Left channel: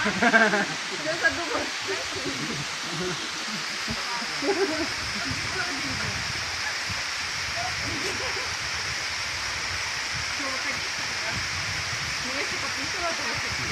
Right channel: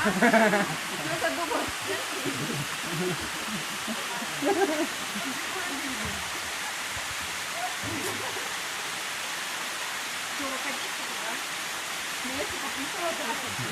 Що задумав? Что, выходите туда? Ну, если подписывать, то